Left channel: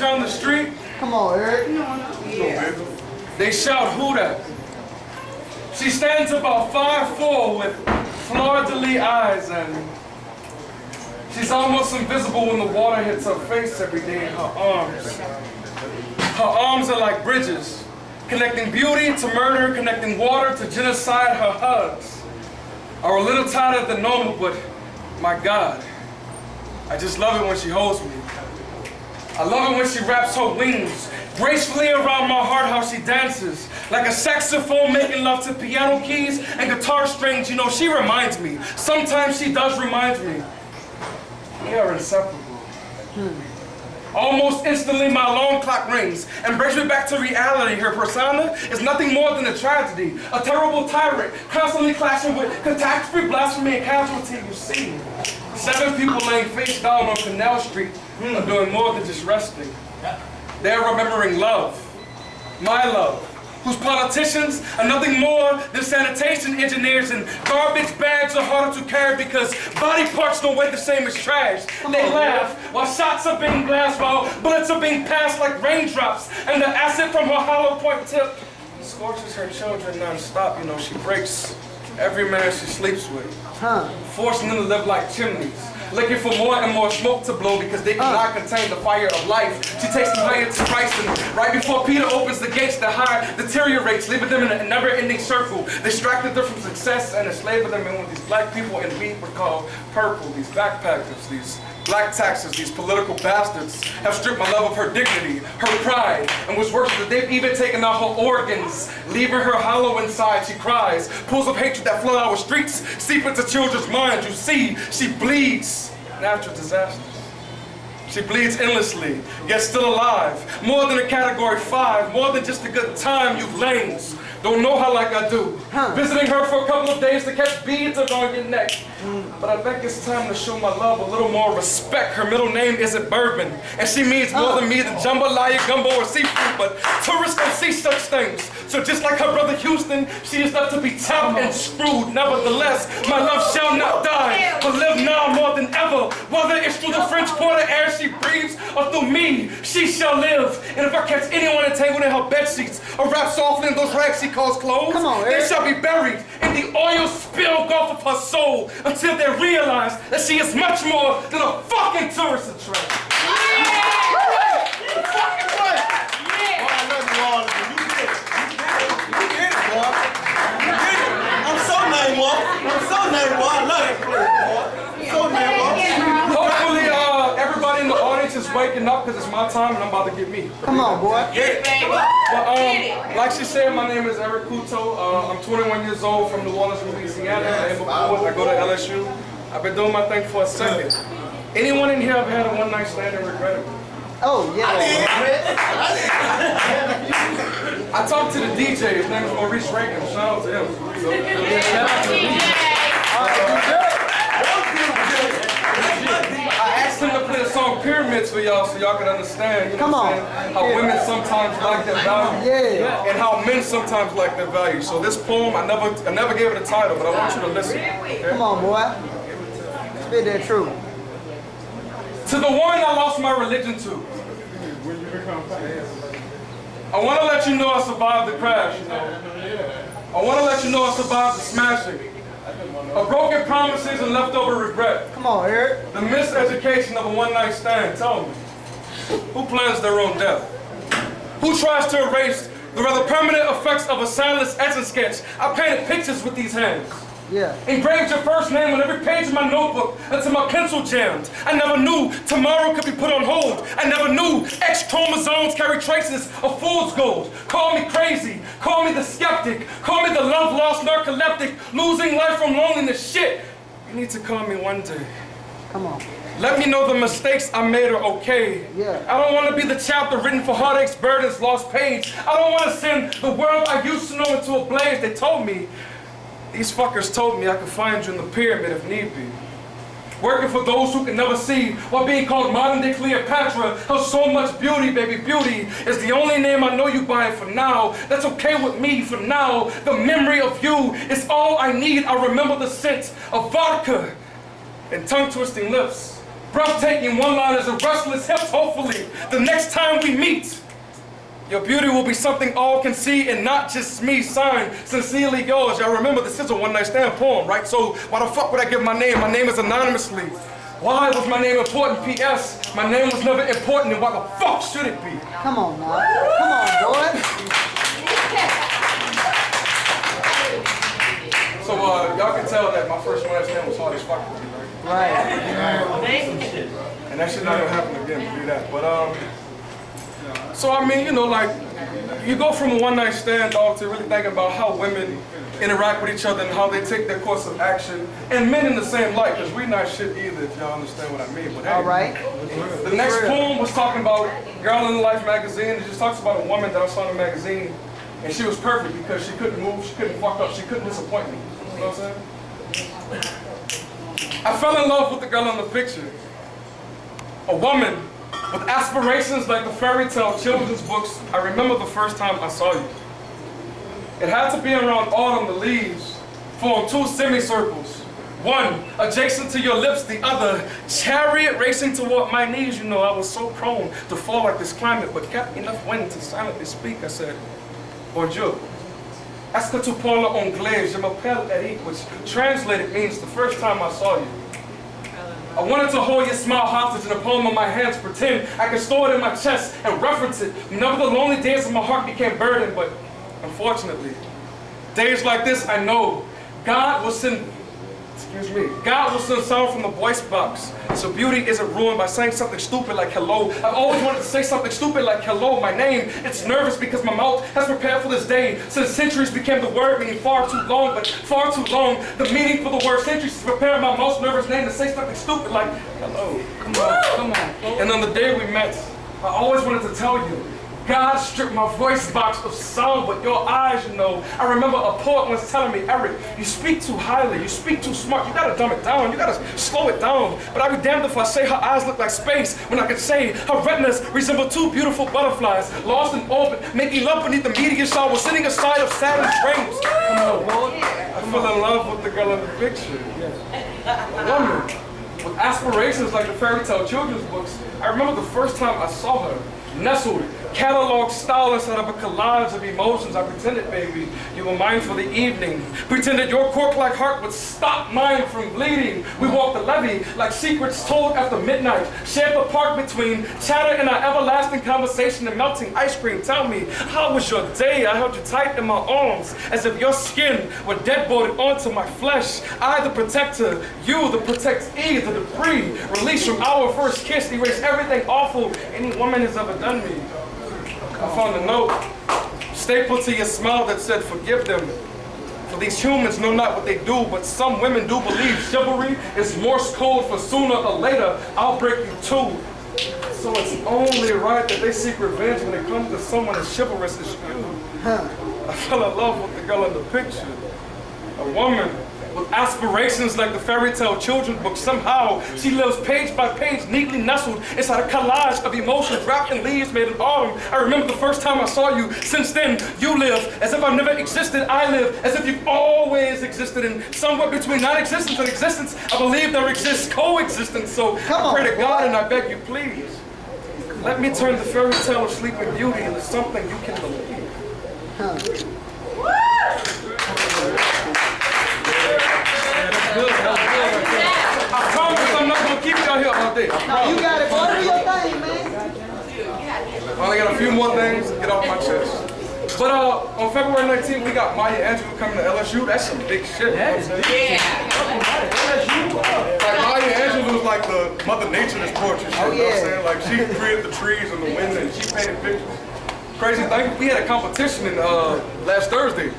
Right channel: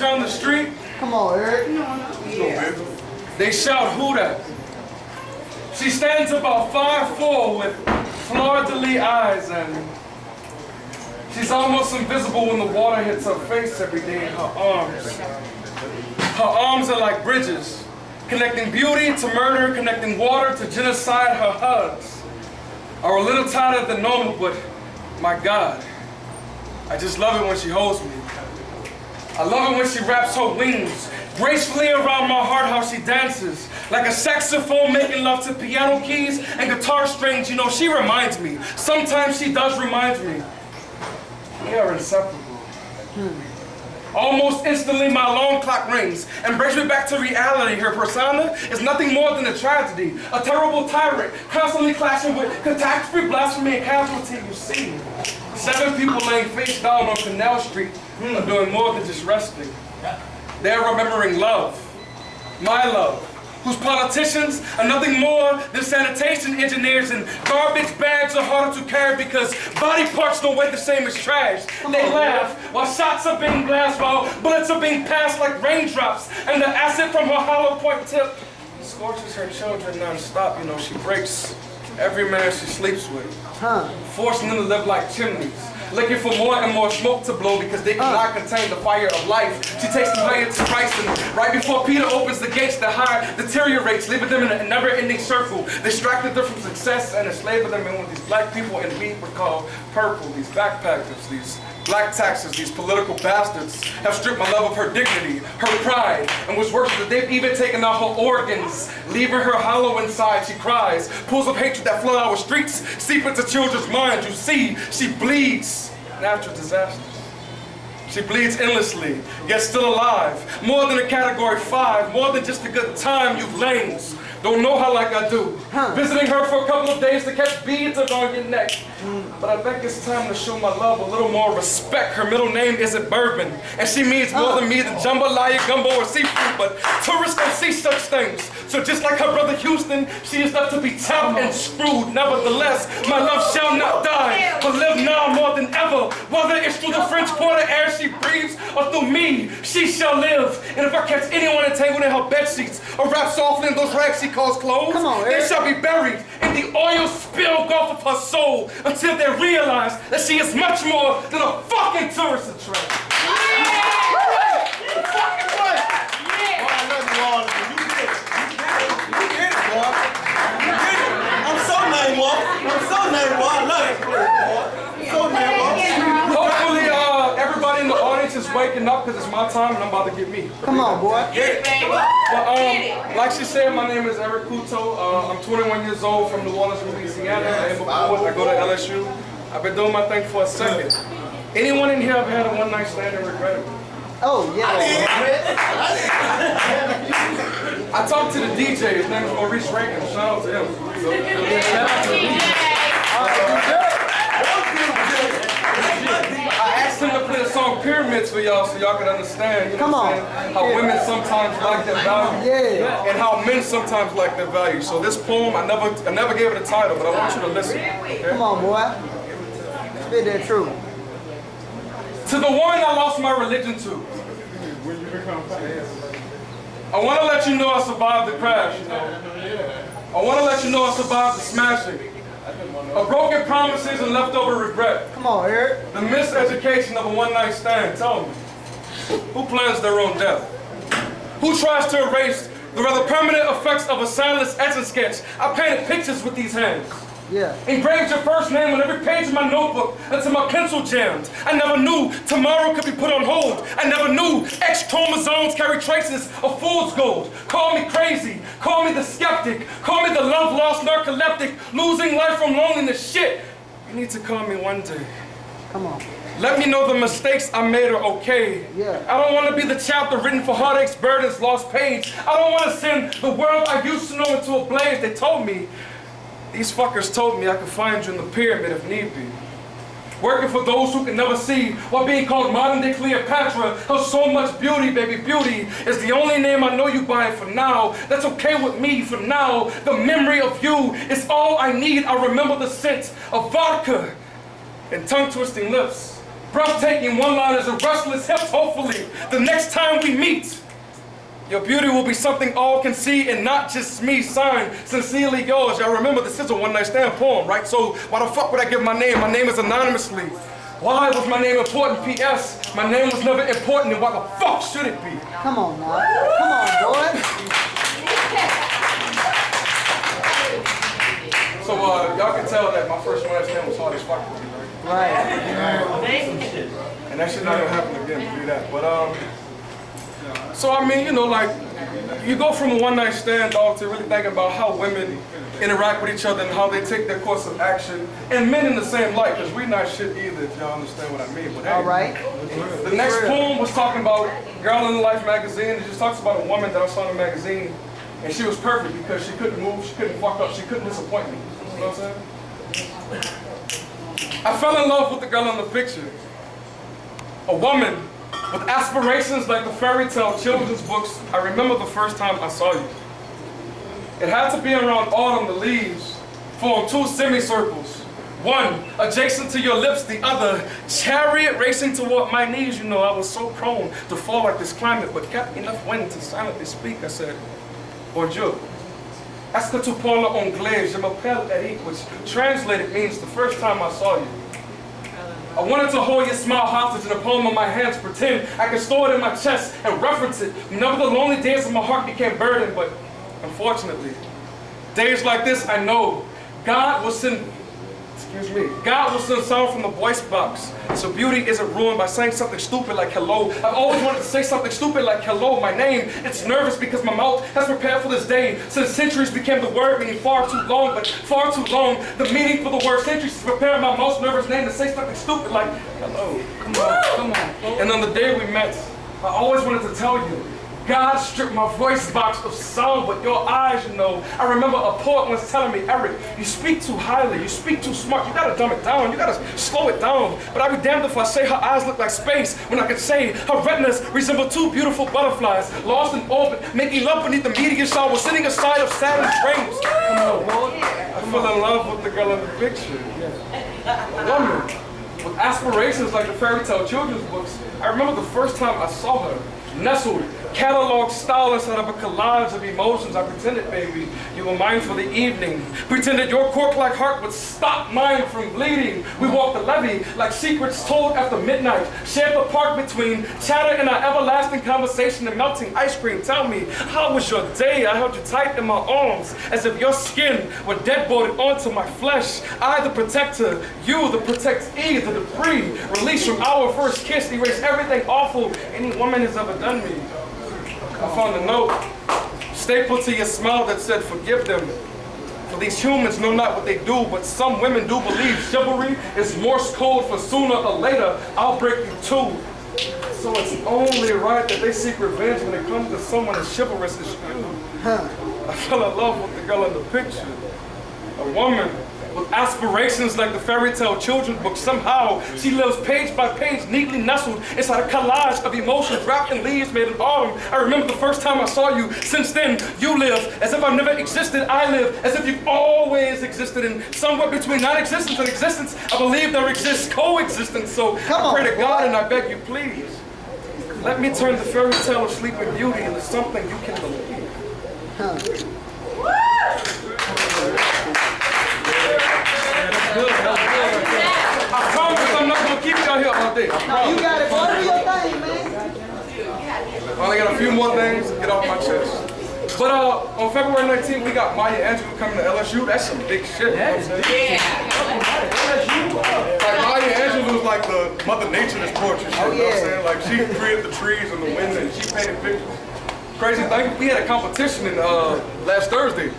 down the street. Come on, Eric. Yeah. They shout, "Who that?" She stands about 5'4" with fleur-de-lis eyes, and she's almost invisible when the water hits her face every day in her arms. Her arms are like bridges, connecting beauty to murder, connecting water to genocide. Her hugs are a little tighter than normal, but my God, I just love it when she holds me. I love it when she wraps her wings gracefully around my heart, how she dances like a saxophone making love to piano keys and guitar strings. You know, she reminds me. Sometimes she does remind me. We are inseparable. Almost instantly, my alarm clock rings and brings me back to reality. Her persona is nothing more than a tragedy, a terrible tyrant, constantly clashing with catastrophe, blasphemy, and casualty. You see, 7 people laying face down on Canal Street are doing more than just resting. They're remembering love, my love, whose politicians are nothing more than sanitation engineers, and garbage bags are harder to carry because body parts don't weigh the same as trash. They laugh while shots are being blasted, while bullets are being passed like raindrops, and the acid from her hollow point tip scorches her children non-stop. You know, she breaks every man she sleeps with, forcing them to live like chimneys, looking for more and more smoke to blow because they cannot contain the fire of life. She takes them higher to Christ, and right before Peter opens the gates, the heart deteriorates, leaving them in a never-ending circle, distracted them from success and enslaving them in what these black people in wheat would call purple, these backpackers, these black taxes, these political bastards have stripped my love of her dignity, her pride, and what's worse, that they've even taken out her organs, leaving her hollow inside. She cries, pools of hatred that flood our streets, seep into children's minds. You see, she bleeds natural disasters. She bleeds endlessly, yet still alive. More than a category 5, more than just a good time, you lames. Don't know her like I do. Visiting her for a couple of days to catch beads around your neck. But I think it's time to show my love a little more respect. Her middle name isn't Bourbon, and she means more to me than jambalaya, gumbo, or seafood, but tourists don't see such things. So just like her brother Houston, she is left to be tapped and screwed. Nevertheless, my love shall not die, but live now more than ever. Whether it's through the French Quarter air she breathes, or through me, she shall live. And if I catch anyone entangled in her bed sheets, or wrapped softly in those rags she calls clothes, they shall be buried in the oil spill gulf of her soul until they realize that she is much more than a fucking tourist attraction. Hopefully, everybody in the audience is waking up because it's my time and I'm about to get me. Come on, boy. But, like she said, my name is Eric Couto. I'm 21 years old from New Orleans, Louisiana. I go to LSU. I've been doing my thing for a second. Anyone in here ever had a one-night stand and regretted it? Oh, yeah. I talked to the DJ. His name is Maurice Reagan. Shout out to him. Shout out to the DJ. I asked him to play the song Pyramids for y'all so y'all can understand, you know what I'm saying, how women sometimes like their value and how men sometimes like their value. So this poem, I never gave it a title, but I want you to listen. Okay? Come on, boy. Spit that truth. To the one I lost my religion to, I want to let you know I survived the crash. You know? I want to let you know I survived the smashing. Of broken promises and leftover regret. Come on, Eric. The miseducation of a one-night stand. Tell me, who plans their own death? Who tries to erase the rather permanent effects of a soundless etching sketch? I painted pictures with these hands. Yeah. Engraved your first name on every page of my notebook until my pencil jammed. I never knew tomorrow could be put on hold. I never knew X chromosomes carry traces of fool's gold. Call me crazy, call me the skeptic, call me the love-lost narcoleptic, losing life from loneliness. Shit, you need to call me one day. Come on. Let me know the mistakes I made are okay. Yeah. I don't want to be the chapter written for heartaches, burdens, lost page. I don't want to send the world I used to know into a blaze. They told me, these fuckers told me I could find you in the pyramid if need be. Working for those who can never see while being called modern-day Cleopatra. How so much beauty, baby, beauty is the only name I know you by for now. That's okay with me for now. The memory of you is all I need. I remember the scent of vodka and tongue-twisting lips breathtaking one-liners and restless hips. Hopefully, the next time we meet, your beauty will be something all can see and not just me. Signed, sincerely yours. Y'all remember this is a one-night stand poem, right? So why the fuck would I give my name? My name is anonymously. Why was my name important? P.S. My name was never important, and why the fuck should it be? Come on now. Come on, boy. So y'all can tell that my first one-night stand was hard as fuck for me, right? Right. And that shit not gonna happen again to do that. But so I mean, you know, like you go from a one-night stand, dog, to really thinking about how women interact with each other and how they take their course of action, and men in the same light, because we're not shit either, if y'all understand what I mean. But hey, All right. the next poem was talking about Garland Life magazine. It just talks about a woman that I saw in the magazine, and she was perfect because she couldn't move, she couldn't fuck up, she couldn't disappoint me. You know what I'm saying? I fell in love with the girl in the picture. A woman with aspirations like the fairy tale children's books. I remember the first time I saw you. It had to be around autumn. The leaves formed two semicircles. One adjacent to your lips, the other chariot racing toward my knees. You know, I was so prone to fall like this climate, but kept enough wind to silently speak. I said, bonjour. Est-ce que tu parles anglais? Je m'appelle Eric, which translated means the first time I saw you. I wanted to hold your smile hostage in the palm of my hands, pretend I could store it in my chest and reference it. Whenever the lonely days of my heart became burdened, but unfortunately, days like this, I know God will send, God will send sound from the voice box. So beauty isn't ruined by saying something stupid like hello. I've always wanted to say something stupid like hello, my name. It's nervous because my mouth has prepared for this day. Since centuries became the word meaning far too long, but far too long. The meaning for the word centuries is preparing my most nervous name to say something stupid like hello. Come on, come on. And on the day we met, I always wanted to tell you, God stripped my voice box of sound, but your eyes, you know. I remember a poet once telling me, Eric, you speak too highly, you speak too smart, you gotta dumb it down, you gotta slow it down. But I'd be damned if I say her eyes look like space, when I could say her retinas resemble two beautiful butterflies, lost in orbit, making love beneath the meteor shower, sitting aside of Saturn's rings. Come on, boy. I fell in love with the girl in the picture. A woman with aspirations like the fairy tale children's books. I remember the first time I saw her, nestled, catalog style instead of a collage of emotions. I pretended, baby, you were mine for the evening. Pretended your cork-like heart would stop mine from bleeding. We walked the levee like secrets told after midnight. Shared the park between chatter and our everlasting conversation and melting ice cream. Tell me, how was your day? I held you tight in my arms as if your skin were dead-bolted onto my flesh. I, the protector, you, the protectee, the debris. Released from our first kiss, erase everything awful any woman has ever done me. I found a note stapled to your smile that said, forgive them. For these humans know not what they do, but some women do believe chivalry is Morse code for sooner or later, I'll break you too. So it's only right that they seek revenge when it comes to someone as chivalrous as you. I fell in love with the girl in the picture. A woman with aspirations like the fairy tale children's book. Somehow, she lives page by page, neatly nestled inside a collage of emotions wrapped in leaves made in autumn. I remember the first time I saw you. Since then, you live as if I never existed. I live as if you've always existed. And somewhere between non-existence and existence, I believe there exists coexistence. So I pray to God and I beg you, please, let me turn the fairy tale of Sleeping Beauty into something you can believe. I promise I'm not gonna keep y'all here all day. No, you got it. Go do your thing, man. I only got a few more things to get off my chest. But on February 19th, we got Maya Angelou coming to LSU. That's some big shit. Like Maya Angelou is like the Mother Nature that's poetry shit. You know what I'm saying? Like she created the trees and the wind and she painted pictures. Crazy thing, we had a competition in last Thursday.